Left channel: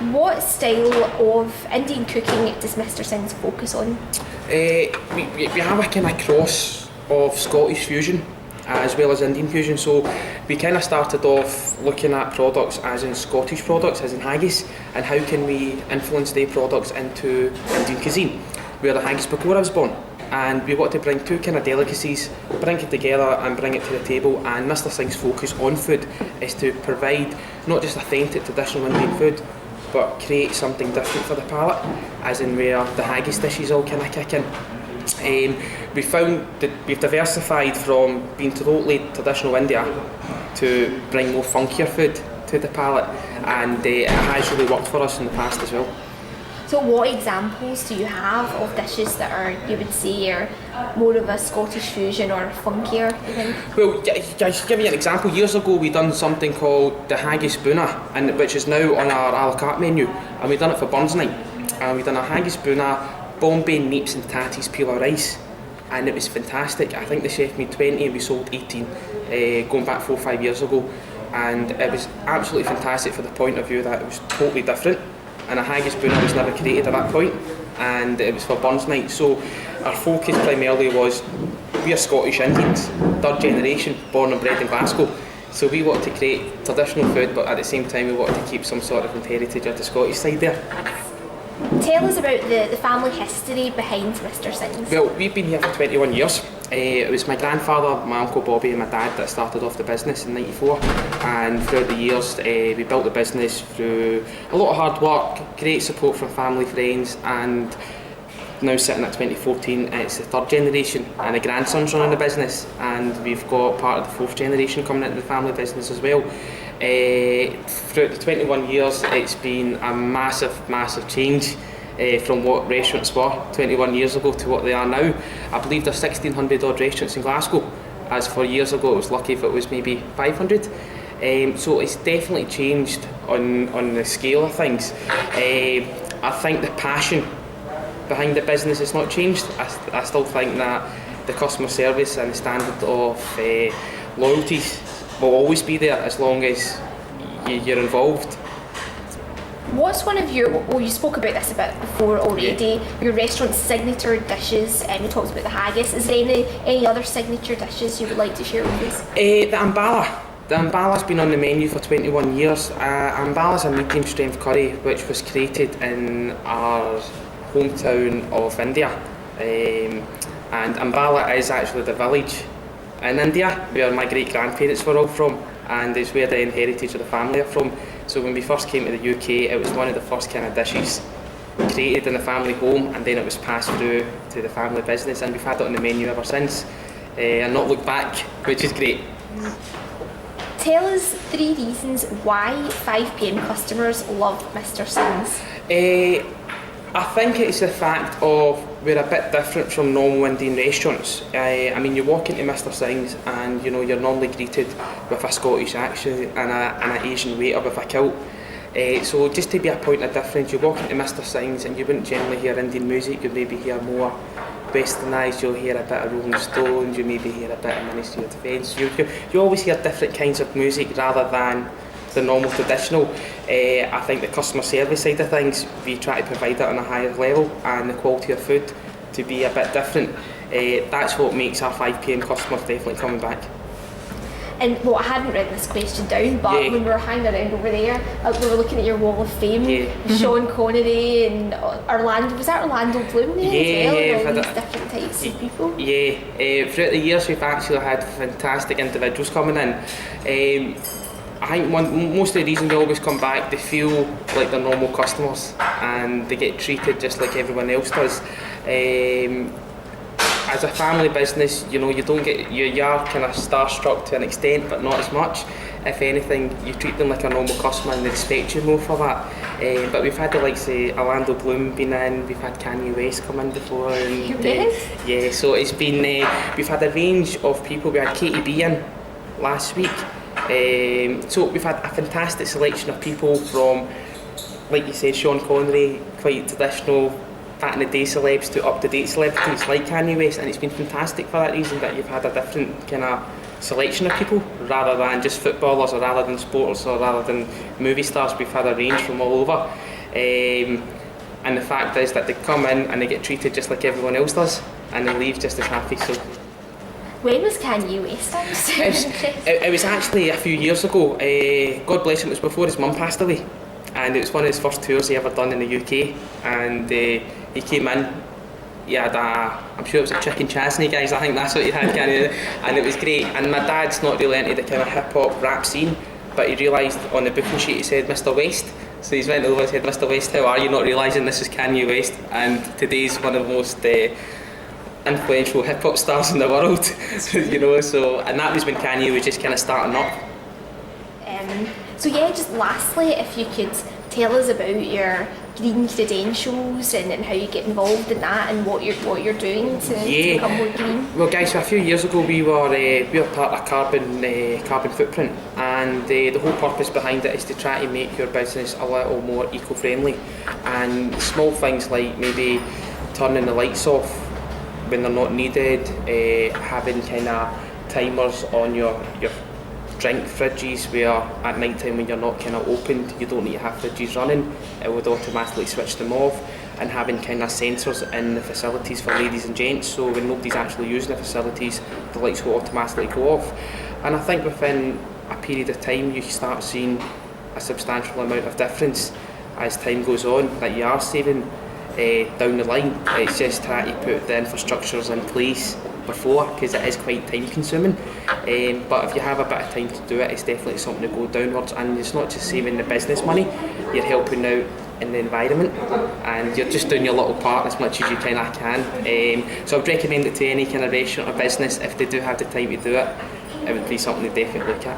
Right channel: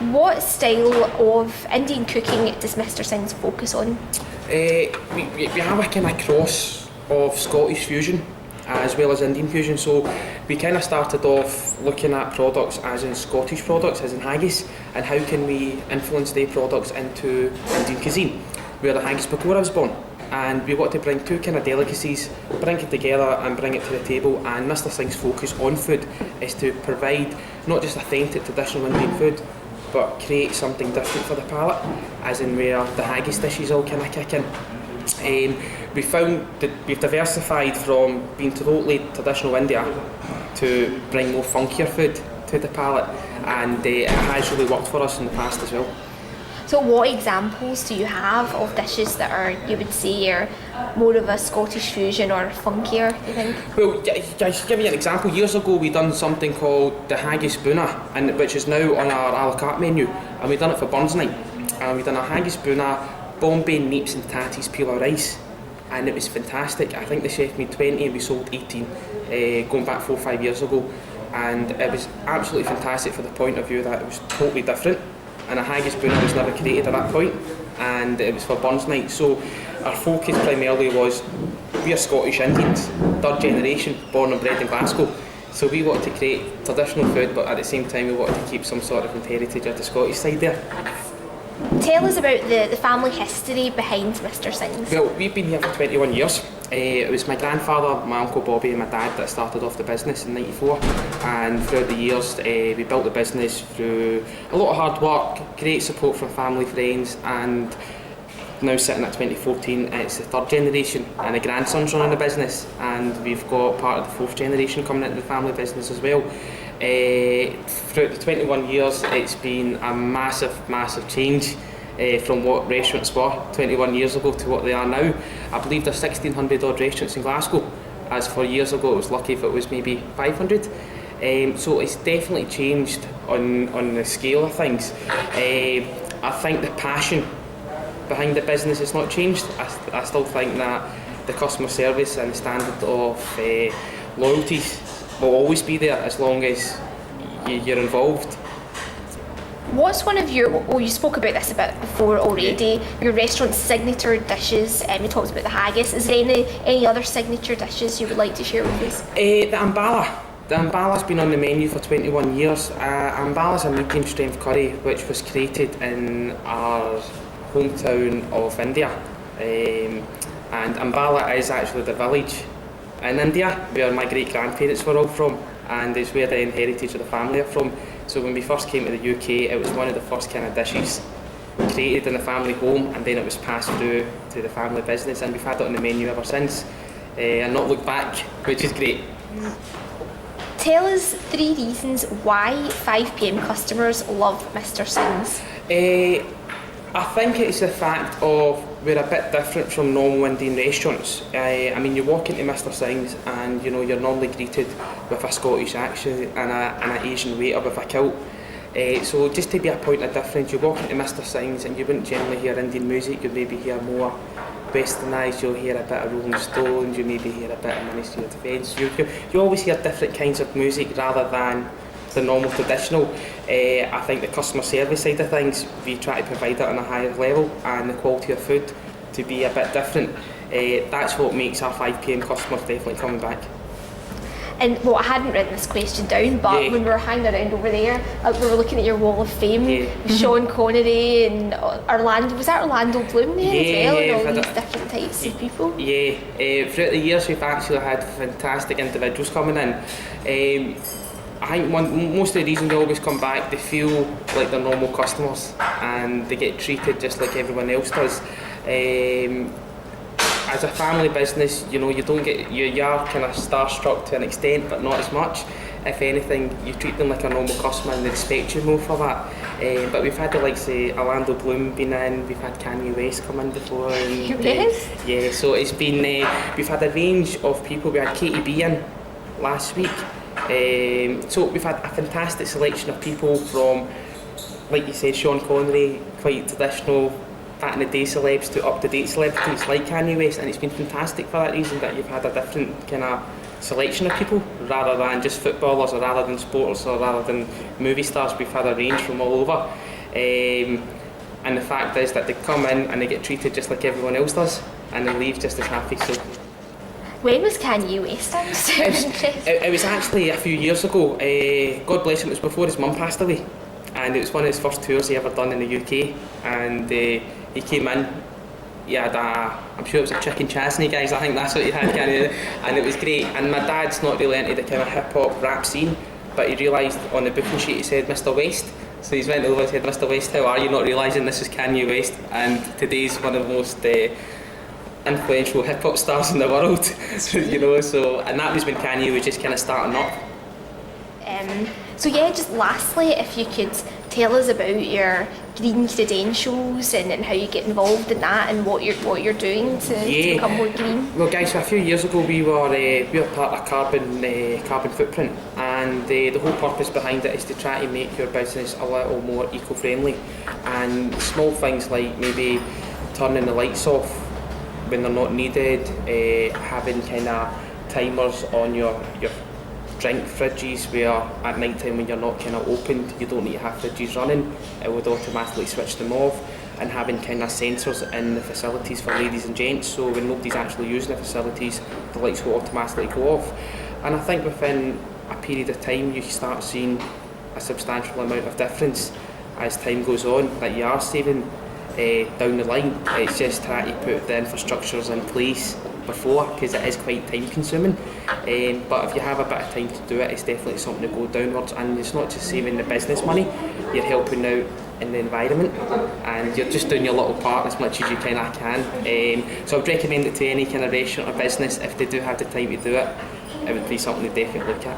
What style of Indian cooking does Mr. Singh's focus on? We have a kind of cross of Scottish fusion as well as Indian fusion, so we kind of started off looking at products as in Scottish products, as in haggis, and how can we influence their products into Indian cuisine. We had a haggis before I was born, and we wanted to bring two kind of delicacies, bring it together and bring it to the table. And Mr. Singh's focus on food is to provide not just authentic traditional Indian food, but create something different for the palate, as in where the haggis dishes all kind of kick in. We found that we've diversified from being totally traditional India to bring more funkier food to the palate, and it has really worked for us in the past as well. So what examples do you have of dishes that are, you would say, are more of a Scottish fusion or funkier, do you think? Well, to give you an example, years ago we done something called the haggis buna, and which is now on our a la carte menu, and we done it for Burns Night. And we done a haggis buna, Bombay neeps and tatties peel rice, and it was fantastic. I think the chef made 20 and we sold 18, going back 4 or 5 years ago, and it was absolutely fantastic for the point of view that it was totally different, and a haggis buna was never created at that point, and it was for Burns Night. So our focus primarily was, we are Scottish Indians, third generation, born and bred in Glasgow, so we wanted to create traditional food, but at the same time we wanted to keep some sort of heritage of the Scottish side there. Tell us about the family history behind Mr. Singh's. Well, we've been here for 21 years. It was my grandfather, my uncle Bobby and my dad that started off the business in '94, and throughout the years we built the business through a lot of hard work, great support from family, friends, and now sitting at 2014, it's the third generation, and the grandson's running the business, and we've got part of the fourth generation coming into the family business as well. Throughout the 21 years, it's been a massive change from what restaurants were 21 years ago to what they are now. I believe there's 1,600 odd restaurants in Glasgow, as for years ago it was lucky if it was maybe 500. So it's definitely changed on the scale of things. I think the passion behind the business has not changed. I still think that the customer service and the standard of loyalties will always be there as long as you're involved. What's one of your, well, you spoke about this a bit before already, your restaurant's signature dishes, you talked about the haggis. Is there any other signature dishes you would like to share with us? The ambala. The ambala's been on the menu for 21 years. Ambala's a medium strength curry which was created in our hometown of India. And Ambala is actually the village in India where my great grandparents were all from, and it's where the heritage of the family are from. So when we first came to the UK, it was one of the first kind of dishes created in the family home, and then it was passed through to the family business, and we've had it on the menu ever since, and not looked back, which is great. Tell us 3 reasons why 5 PM customers love Mr. Singh's. I think it's the fact of we're a bit different from normal Indian restaurants. I mean, you walk into Mr. Singh's and you know you're normally greeted with a Scottish accent and an Asian waiter with a kilt. So just to be a point of difference, you walk into Mr. Singh's and you wouldn't generally hear Indian music. You'd maybe hear more westernised. You'll hear a bit of Rolling Stones. You maybe hear a bit of Ministry of Defence. You always hear different kinds of music rather than the normal traditional. I think the customer service side of things, we try to provide that on a higher level, and the quality of food to be a bit different. That's what makes our 5 PM customers definitely coming back. And well, I hadn't written this question down, but when we were hanging around over there, we were looking at your wall of fame, Sean Connery and Orlando, was that Orlando Bloom there as well, and all these different types of people? Throughout the years we've actually had fantastic individuals coming in. I think most of the reason they always come back, they feel like they're normal customers and they get treated just like everyone else does. As a family business, you know, you are kind of starstruck to an extent, but not as much. If anything, you treat them like a normal customer and they respect you more for that. But we've had the likes of Orlando Bloom been in, we've had Kanye West come in before. And, so it's been, we've had a range of people. We had Katie B in last week. So we've had a fantastic selection of people from, like you said, Sean Connery, quite traditional, back in the day celebs, to up-to-date celebrities like Kanye West, and it's been fantastic for that reason that you've had a different kind of selection of people. rather than just footballers, or rather than sports, or rather than movie stars. We've had a range from all over. And the fact is that they come in and they get treated just like everyone else does, and they leave just as happy. So when was Kanye West? It was actually a few years ago. God bless him, it was before his mum passed away, and it was one of his first tours he ever done in the UK. And he came in. He had I'm sure it was a chicken chasney, guys. I think that's what he had, Kanye, and it was great. And my dad's not really into the kind of hip hop rap scene, but he realised on the booking sheet he said Mr. West. So he's went over and said, Mr. West, how are you? Not realising this is Kanye West, and today's one of the most influential hip hop stars in the world. You know, so, and that was when Kanye was just kind of starting up. So yeah, just lastly, if you could tell us about your green credentials and how you get involved in that, and what you're doing to become more green. Well, guys, so a few years ago we were part of carbon footprint, and the whole purpose behind it is to try to make your business a little more eco-friendly, and small things like maybe turning the lights off when they're not needed, having kind of timers on your drink fridges where at night time when you're not kind of opened, you don't need to have fridges running, it would automatically switch them off, and having kind of sensors in the facilities for ladies and gents, so when nobody's actually using the facilities, the lights will automatically go off. And I think within a period of time you start seeing a substantial amount of difference as time goes on, that you are saving down the line. It's just trying to put the infrastructures in place before, because it is quite time consuming, but if you have a bit of time to do it, it's definitely something to go downwards. And it's not just saving the business money, you're helping out in the environment, and you're just doing your little part as much as you kind of can. So I'd recommend it to any kind of restaurant or business. If they do have the time to do it, it would be something to definitely look at.